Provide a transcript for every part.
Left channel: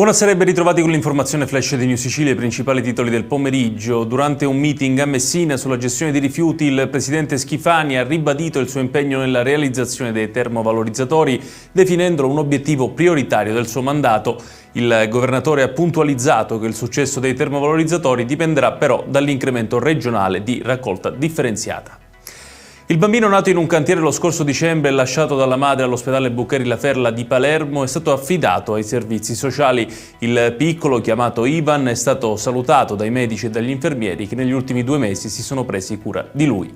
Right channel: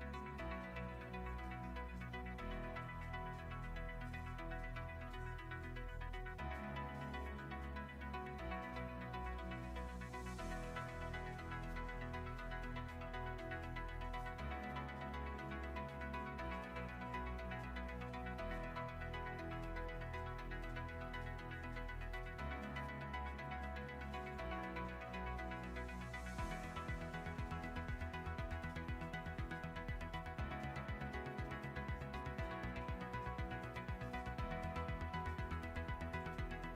Buonasera e ben ritrovati con l'informazione flash di New Sicilia, i principali titoli del pomeriggio. Durante un meeting a Messina sulla gestione dei rifiuti, il presidente Schifani ha ribadito il suo impegno nella realizzazione dei termovalorizzatori, definendolo un obiettivo prioritario del suo mandato. Il governatore ha puntualizzato che il successo dei termovalorizzatori dipenderà però dall'incremento regionale di raccolta differenziata. Il bambino nato in un cantiere lo scorso dicembre e lasciato dalla madre all'ospedale Buccheri La Ferla di Palermo è stato affidato ai servizi sociali. Il piccolo, chiamato Ivan, è stato salutato dai medici e dagli infermieri che negli ultimi 2 mesi si sono presi cura di lui.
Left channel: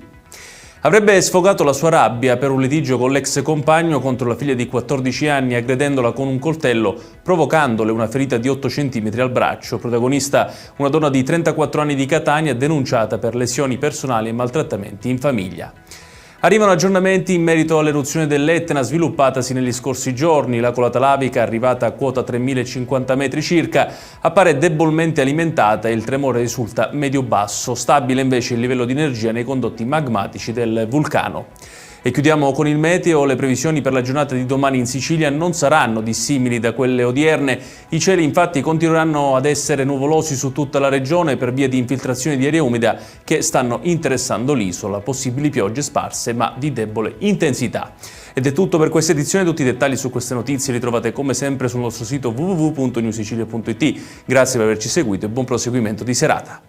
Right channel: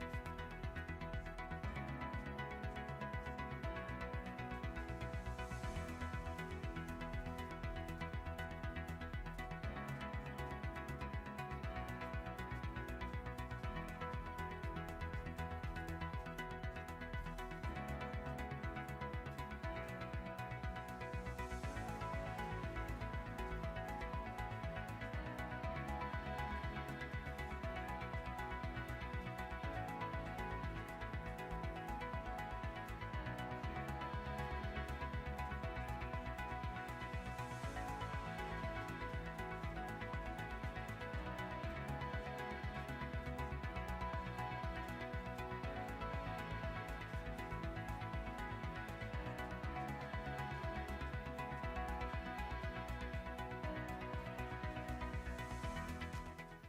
Avrebbe sfogato la sua rabbia per un litigio con l'ex compagno contro la figlia di 14 anni, aggredendola con un coltello, provocandole una ferita di 8 cm al braccio. Protagonista una donna di 34 anni di Catania, denunciata per lesioni personali e maltrattamenti in famiglia. Arrivano aggiornamenti in merito all'eruzione dell'Etna sviluppatasi negli scorsi giorni. La colata lavica, arrivata a quota 3050 metri circa, appare debolmente alimentata e il tremore risulta medio-basso. Stabile invece il livello di energia nei condotti magmatici del vulcano. E chiudiamo con il meteo. Le previsioni per la giornata di domani in Sicilia non saranno dissimili da quelle odierne. I cieli infatti continueranno ad essere nuvolosi su tutta la regione per via di infiltrazioni di aria umida che stanno interessando l'isola. Possibili piogge sparse ma di debole intensità. Ed è tutto per questa edizione. Tutti i dettagli su queste notizie li trovate come sempre sul nostro sito www.newsicilia.it. Grazie per averci seguito e buon proseguimento di serata.